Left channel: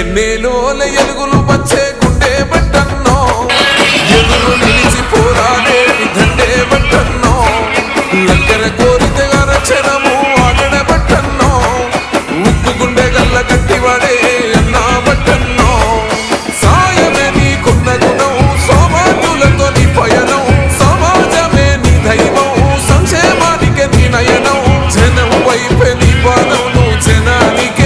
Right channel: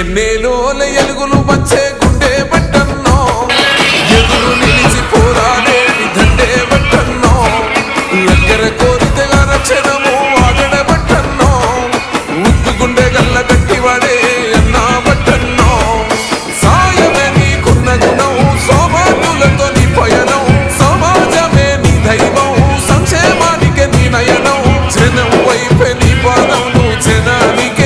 ఎన్నేలోల ఎలుగులు వచ్చే గుండె బట్టన్నో ఎదురు నిలిచి పోరాడేటి దండే బట్టన్నో దగ్గర కోరితే రచనము ఆగడ బట్టన్నో ఉక్కు గుండె గల్ల గట్టివాడే అన్నా బట్టన్నో సాయమే నీకున్న గుణం సౌభాగ్యులతో నీ పయనం సమాజమే నీ దైవం సంక్షేమానికి నీ నయనం జనం వైపే నీ పాదం నువ్వు జనానికే